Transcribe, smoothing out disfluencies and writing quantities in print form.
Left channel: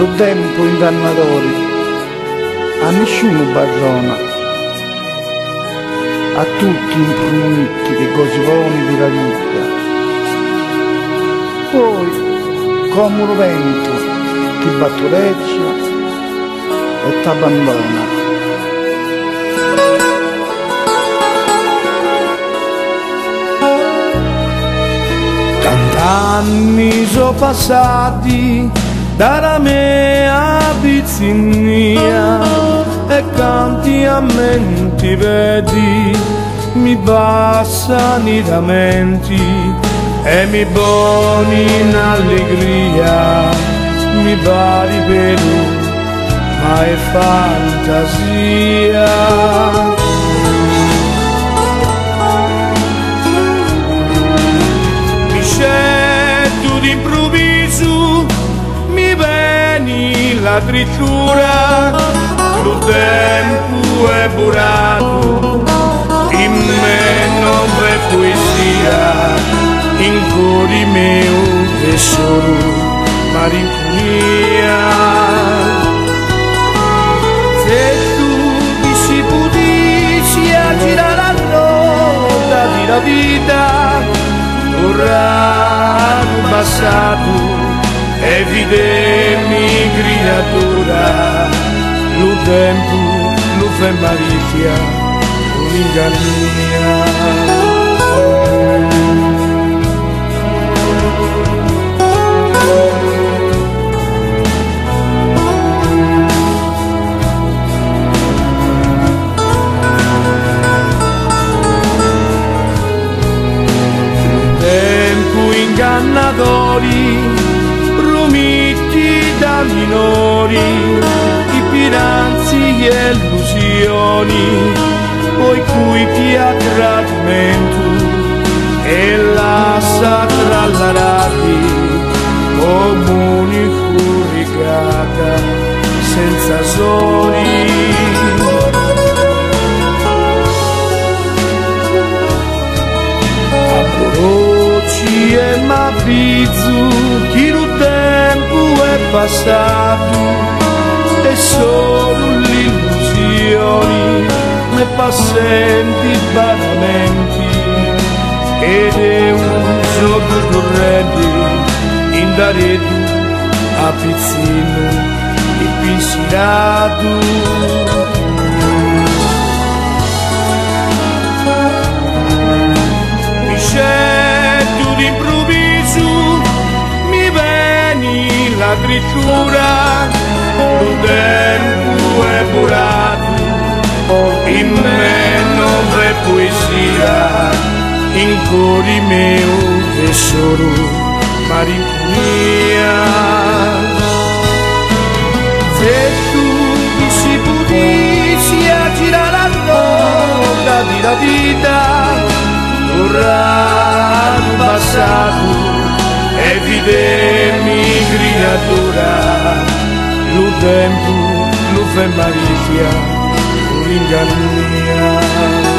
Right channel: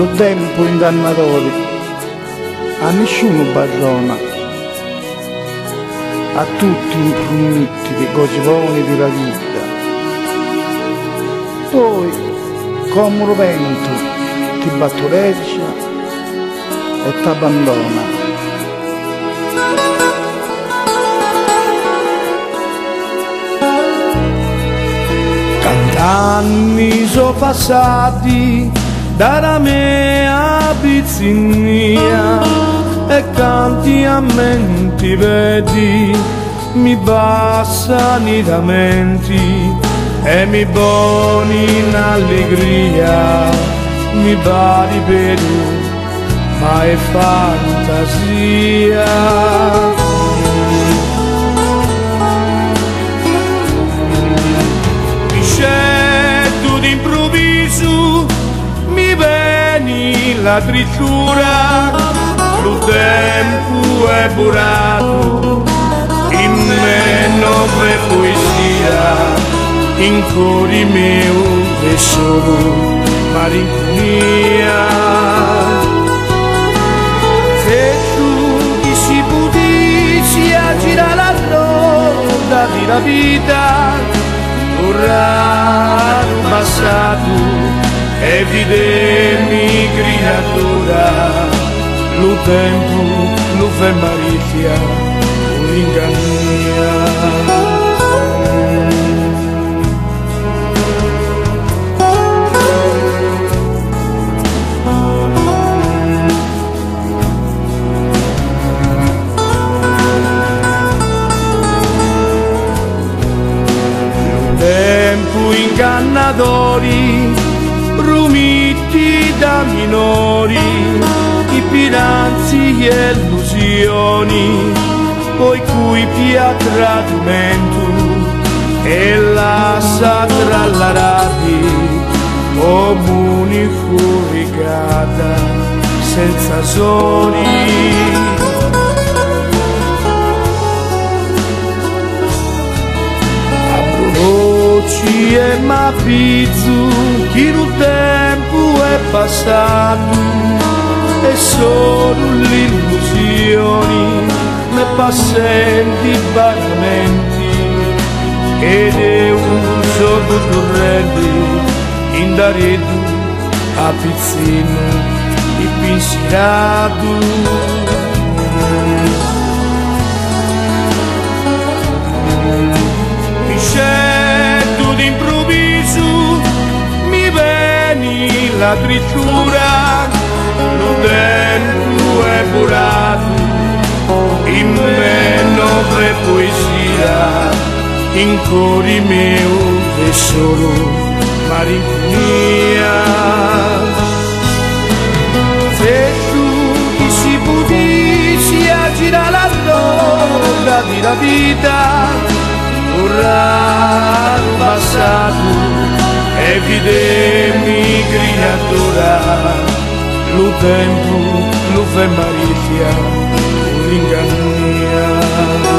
lo tempo ingannatori, a nessuno barrona, a tutti imprumitti di gosivoni di la vita. Poi, come un vento, ti battureggia e t'abbandona. Tant'anni sono passati dalla mia bizzinnia e canti a menti vedi mi passano i lamenti e mi boni in allegria mi va di Perù ma è fantasia. Scetto d'improvviso mi veni la drittura, lo tempo è burato, in me non v'è poesia, in cuore mio v'è solo malinconia. Se tu ti si potessi girare la roda della vita, tornare al passato e vedermi creatura, lo tempo lo fa marittia con ingannia. Tempo ingannatori, prometti da minori, i piranzi e illusioni, poi cui pia tradimento e lascia trallarati come unico rigata senza soli. Rocci e m'abbizzo che il tempo è passato e solo l'illusione me passenti baramenti ed è un gioco corrente in daredo a pizzino e pensierato. Scetto d'improvviso mi veni la drittura, lo tempo è burato, in me non v'è poesia, in cuore mio v'è solo malinconia. Se tu ti si potessi girare la roda della vita, tornare al passato e vedermi creatura, lo tempo lo fa marittia con ingannia.